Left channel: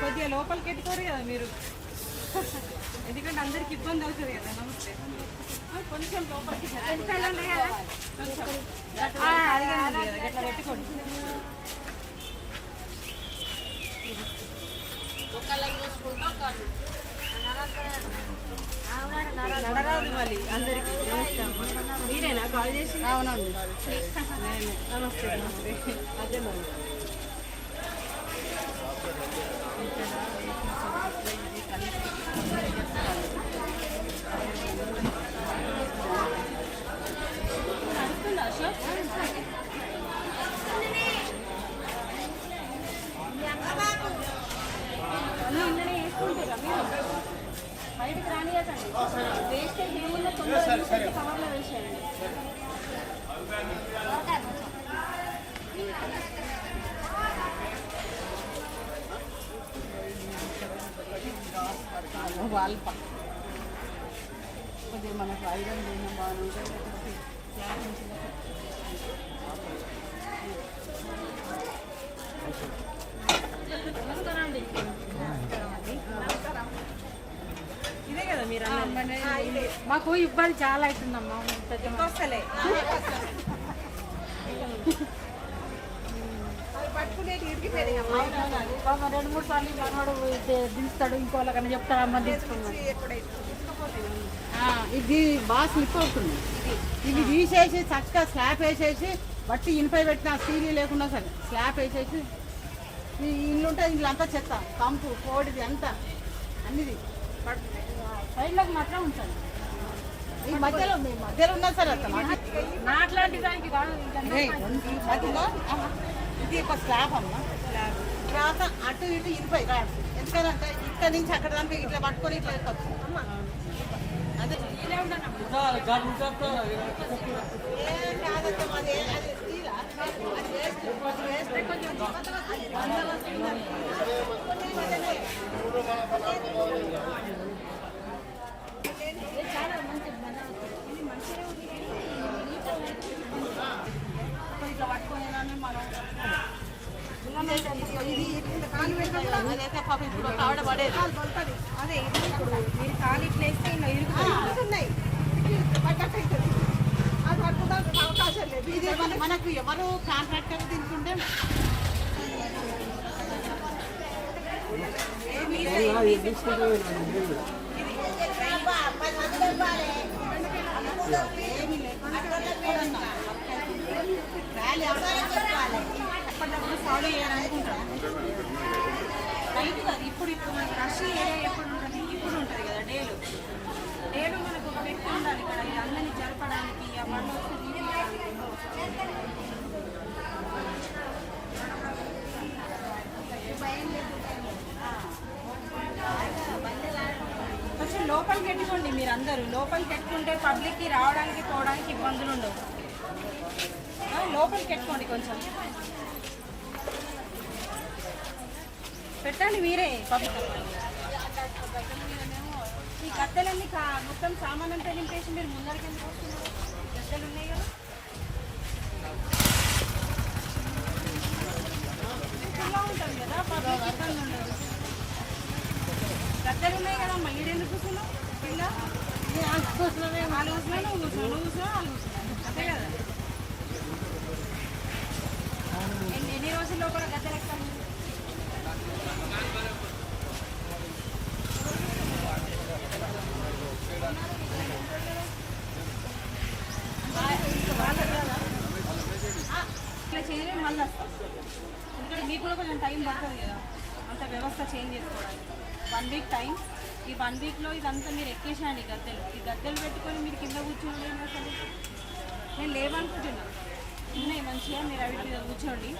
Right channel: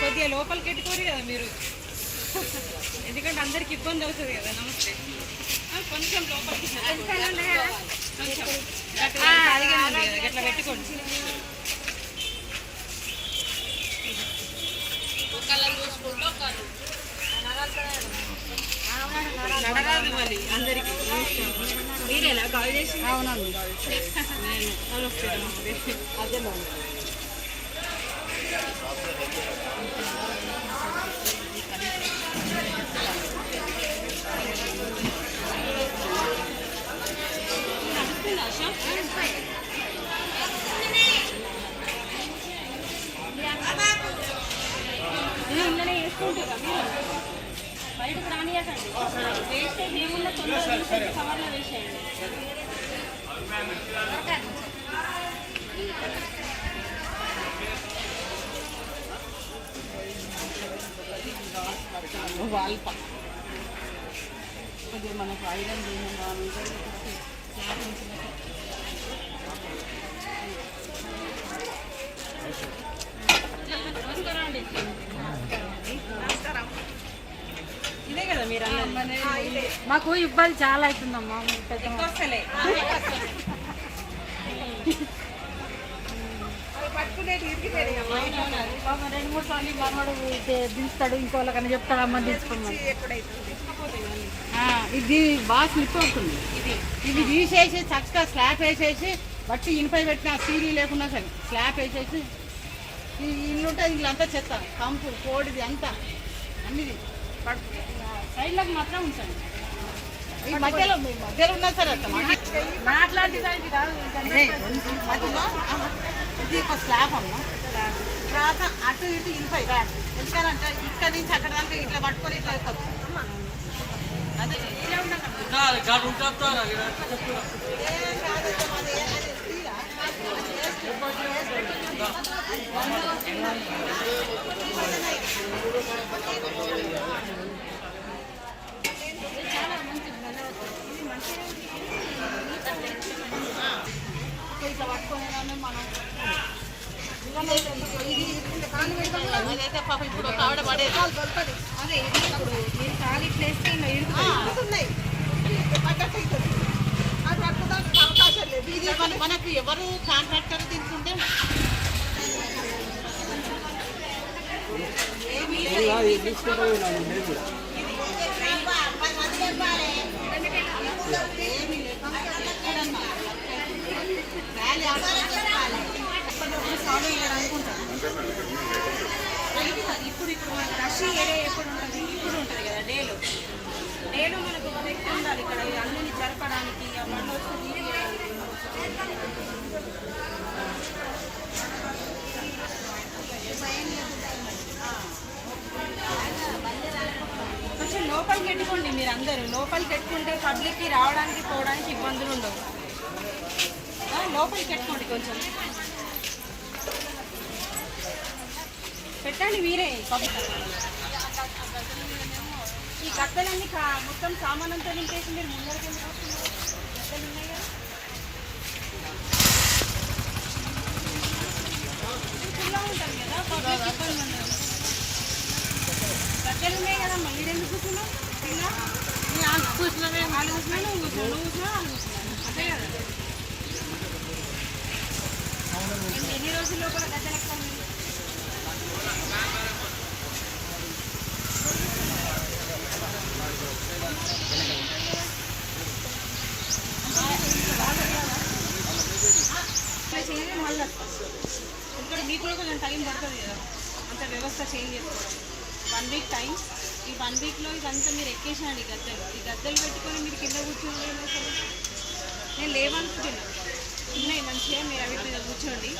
కొద్దిగా లోపలికి పెట్టుకోరు కదా మీరు, ఎందుకంటే అందరికి ఇబ్బంది అవుతుంది కదా. నమస్తే, కొంచెం లోపలికి కొంచెం ఖాళీగా ఉంది కదా, గట్లా పెట్టుకోండి. నడరాదు మళ్ళీ అందరికి. మీరేనా కాల్ చేసి? అవునండి, నేను. నమస్తే నమస్తే. అదే మరి ఇంట్లోనే వేసుకుంటారా మీరు? బయటకు రానియకండి. వేస్టేజ్ ఏమున్నా తొందరగా కవర్లో వేసేయండి. వాళ్ళు కొద్దిగా మనకు ఐరన్ చేయడం బాగుంటుంది. ఇదే కదా మీరు అన్నది. మాకు ఇబ్బంది చాలా అవుతుందమ్మా. ఎక్కువ వస్తలే. బాబా 2-3 సార్లు మనవాడు దించుతాడు, ఇంకోళ్ళకన్నా చెప్తాడు అమ్మ తీసుకున్నాడు. ఇది బాగా స్లిప్ అవుతుంది. ఇది తీసేసి చక్కగా స్లాబ్ వేసేసి బట్టి ఇనుపై పెట్టిన సీరీ లేకుండా సరే స్లాబ్ వేసేసి ఈ ఇల్లు ఉంటుంది. ఇల్లంతా చెత్త, కంపు, కోడిది అంతా అన్నిది సైడ్లకు మాత్రం ఉంచండి. ఈ మధ్యలో ఉన్నా సరే నాట్లాంటి దానికి రాదు. ఇది ఒక స్లాబ్ అమ్మ. తర్వాత అటు ఇటు ఇరుపై ఎందుకంటే ఇక్కడ నుంచి అక్కడ దానికి ఇట్లా పట్టుకొని ఇట్లా వెళ్ళిపోతుంది. అదే ఇలా ఇట్లా పట్టుకొని మనం పాప ఇప్పుడు కావడ పడేది. అదే ఇది ఇప్పుడు మీరు ఖాళీ ప్లేస్ ఇరుగుతున్నాయి. ఇది మనకు ఎవరు కాంట్రాక్టర్ తీసుకుంటే ఇప్పుడు రష్ ఏరియా ఎప్పుడు ఉంటుంది? ఇప్పుడు ఉంటుంది కదా. డేలో మనకు ఒక వ్యక్తి ఉండాలి ఇక్కడ అందరినీ జరపడానికి. కొంచెం లోపలికి పెట్టుకోండి. మీరు అందరూ లోపలికి పెట్టుకుంటే పబ్లిక్కి రావడానికి పోవడానికి ఇబ్బందులు ఉండవు. లోపలికి పెట్టుకోండి, కొంచెం పెట్టండి మీరే. ఈ గద్దలన్నీ మొత్తం సామాన్ అంతా నింపేసి మీరు ముందరికి ఎందుకు వస్తున్నారు? గద్దలు ఉన్నాయి కదా, ఫుల్గా ఉంటుంది కదా, పబ్లిక్ ఇబ్బంది ఉండదు. గద్దలు ఉన్నాయి కదా, మళ్ళీ ఎందుకు కూర్చున్నావు? కింద కూర్చున్నామే, వాళ్ళు కూర్చున్నా, నువ్వు కూర్చున్నావు, నువ్వు కూర్చున్నా, వాళ్ళు కూర్చున్నారు, అంతే కదా. ఎన్ని రోజుల లోపల గద్దలు ఎక్కాలి? మళ్ళీ ఇక్కడ మీకు కూడా కొంచెం టైం పడుతుంది కదా, అంత వ్యవస్థ చేంజ్ చేసుకోవడానికి. 1 వీక్ టైం. ఈ 1 వీక్లో ఇదంతా మీరు ఎక్కేసాండి గద్దెలు. ఈ గద్దెలు పెట్టుకొని మీరు కింద కూర్చోండి. అసలు నేను లేవనుకుంటున్నా, ఉన్నాయి మంచిగా, మీరు అవి మీద కూర్చోండి.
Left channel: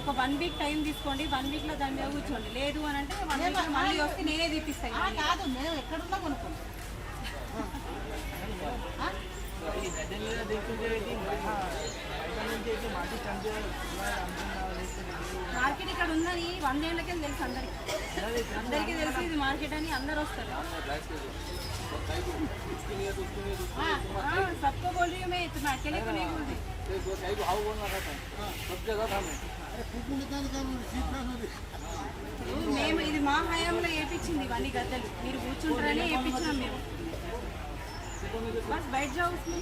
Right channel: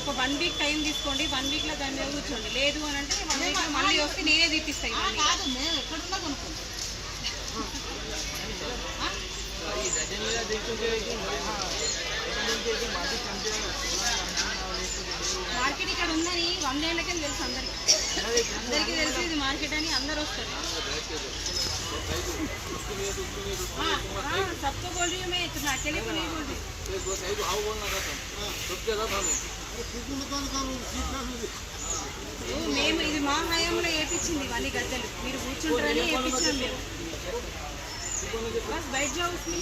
ఒక 1 వీక్ టైం తీసుకోండి. 1 వీక్లో దాని మీద కూర్చోండి. లేదు అని అంటే 1 వీక్లో మళ్ళీ వస్తే నేనే తీపిస్తాను. కాదు, మేము ఎక్కడున్నా కొనుక్కోండి. మార్కెట్ ఇక్కడ ఉందని 100 ఏళ్ళకే తెలుసు అందరికి. అందరికీ తెలుసు ఇది మార్కెట్ అని, అందరు వస్తారు. सबको बोल रही हूँ मैं, तुम अकेले को नहीं बोल रही। మేము ఇది మా హయాంలో వేయించింది ఇవన్నీ గద్దెలు మీరు కూర్చుంటారని వేయించినాం మేము बस बैठ जाओ उसमें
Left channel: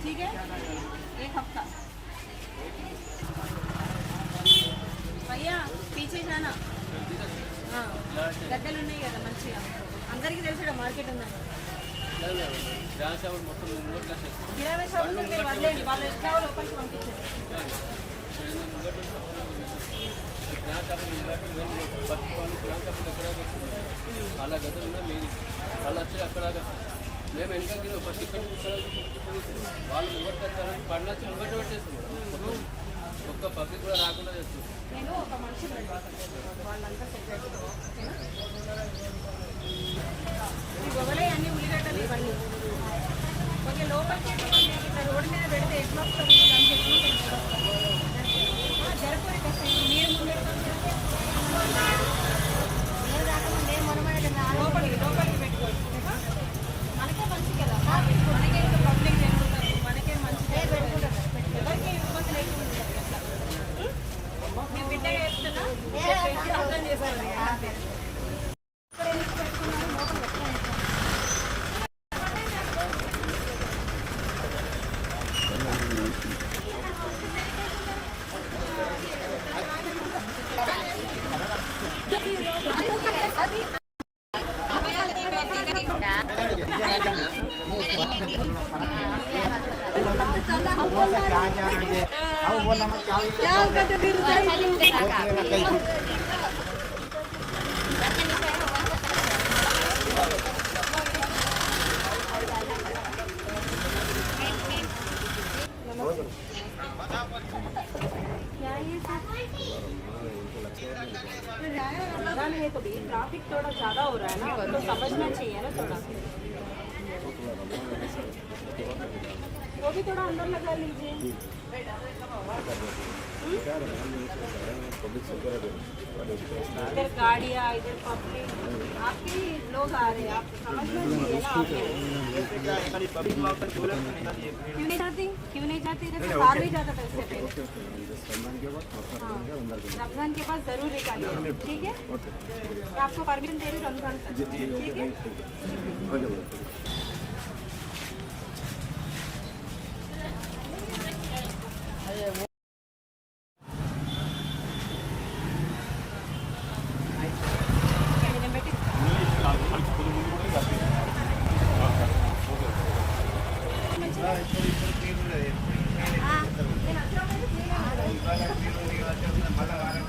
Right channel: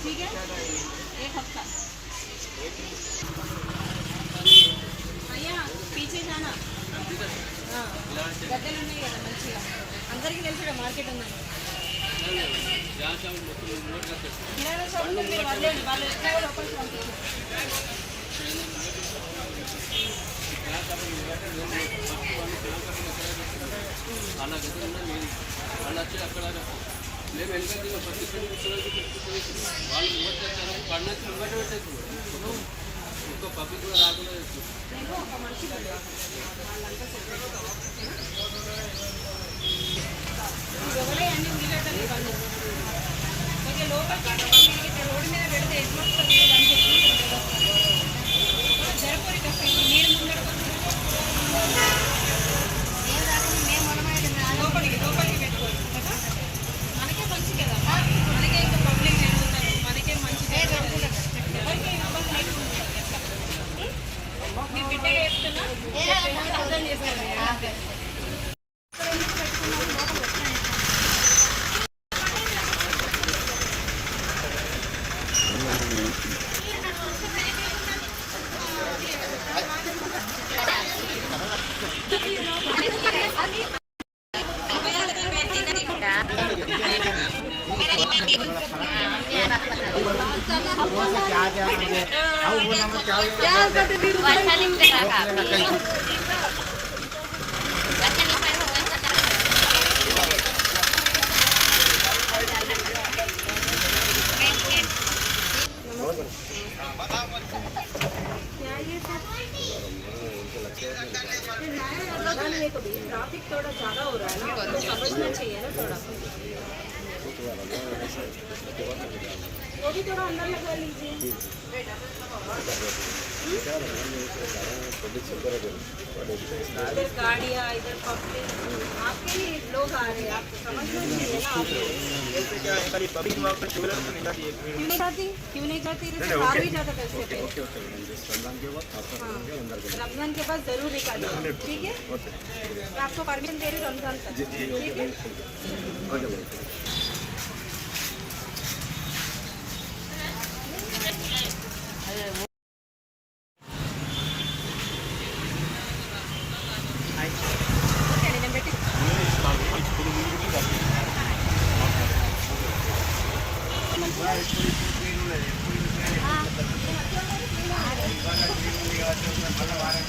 ठीक है एक हफ्ता भैया पीछे जाना గద్దెలు ఉన్నాయి కదా మంచిగా అందరికీ తెలుసు మార్కెట్ ఉందని కిరాణా షాప్ మీరు వదిలేండి వాళ్ళు ఎట్లా లోపలికి పంపించారు అలా గదులు ఉన్నాయి వాళ్ళు వచ్చి అక్కడ మేము వెనక వాళ్ళు ముంగట్ చేస్తారు పడినచ్చి ముంగట పెట్టేస్తుంది ఒక్క పబ్లిక్ కూడా రాకుండా చేస్తుంది నేను ఒక మనిషి వాళ్ళంతా గొడవలే అన్ని ఉల్లిగడ్డలు ఇవన్నీ కొద్దిగా లోపలికి ఇట్లా రోడ్డు మీద పెడితే ఎట్లా వస్తుంది దానికి ఎట్లా జరపూరి మీరు ముందడుకొని లోపలికి పెట్టుకోవచ్చు కదా మనకే మంచి కదా మనకే ఇంకా పబ్లిక్ జరుగుతారు మనకే మంచి ఎవరికి ఇబ్బంది లేకుండా ఎట్లా మీ బిడ్డగా చెప్తున్నా అర్థం చేసుకోండి ट्रैफिक थोड़ा ज़्यादा हो रहा है ना तो समझना चाहिए ना थोड़ा वो भी थोड़ा अंदर लगा लीजिए इधर गाड़ियाँ इधर पब्लिक आपके ही लोग आ रहे हैं आपको समझना चाहिए ना आप क्यों नहीं जाती जैसे कार भी जाता था उससे पहले रमजान के बाद जरूर निकालिए ठीक है मैं आपको परमिशन दे रही हूँ रमजान तक ठीक है हाँ